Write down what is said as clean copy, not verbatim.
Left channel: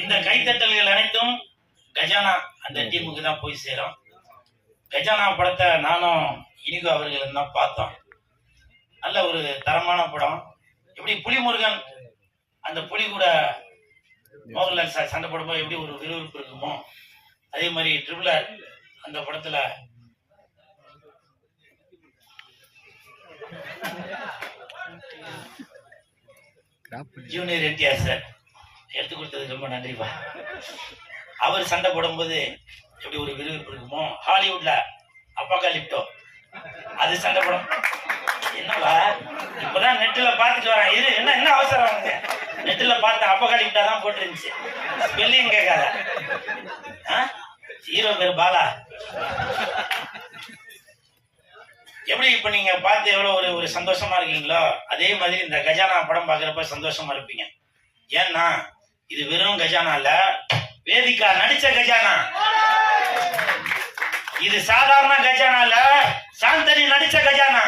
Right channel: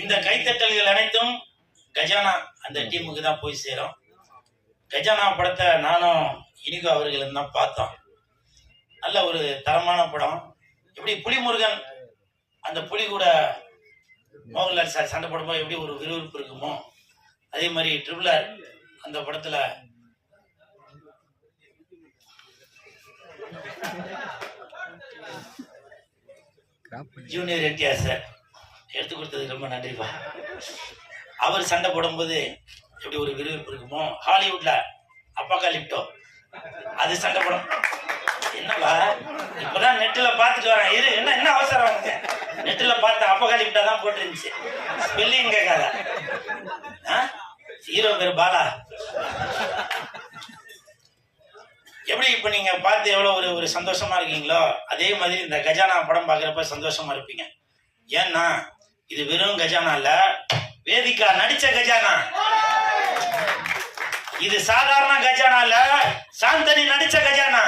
இந்த கைத்தட்டல்கள் அனைத்தும் கஜானா அந்த டீமுக்கு தான் போய் சேரும். கஜானா படத்தை நானும் இனிகோ அவர்களும் தான் பார்த்தோம். நல்ல ஒரு தரமான படம். எப்படி புலிமுருகன் அந்த புலி கூட மோகன்லால் சார் சண்டை போடும்போது எப்படி ஒரு விறுவிறுப்பு இருக்குமோ, அதே மாதிரி ட்ரிபிள் ஆர் அந்த படத்துல ஜூனியர் என்டிஆர் சார் எடுத்து கொடுத்ததுக்கு ரொம்ப நன்றிப்பா. அவர் சண்டை போடும்போது எப்படி ஒரு விறுவிறுப்பு இருக்குமோ, ஹாலிவுட்ல அப்பாகாலிப்டோ அது சண்டை படம். என்னப்பா இப்பதான் நெட்டுல பாத்துட்டு வரேன். இது என்ன என்ன அவசரம் வந்து நெட்டுல பார்த்தேன், அப்பாகாலிப்டா தான் போட்டுருந்துச்சு. ஸ்பெல்லிங் கேட்காத. ஹீரோ பேர் பாலா. எப்படி இப்ப நீங்க பார்த்து எவ்வளவு ஒரு சந்தோஷமா இருக்கீங்களோ, அதே மாதிரி இந்த கஜானா படம் பாக்குறப்ப சந்தோஷமா இருப்பீங்க. ஏன்னா இது வெறும் கஜானா இல்ல, வேதிகா நடிச்ச கஜானா. இது சாதாரண கஜானா இல்ல, சாந்தனி நடிச்ச கஜானா.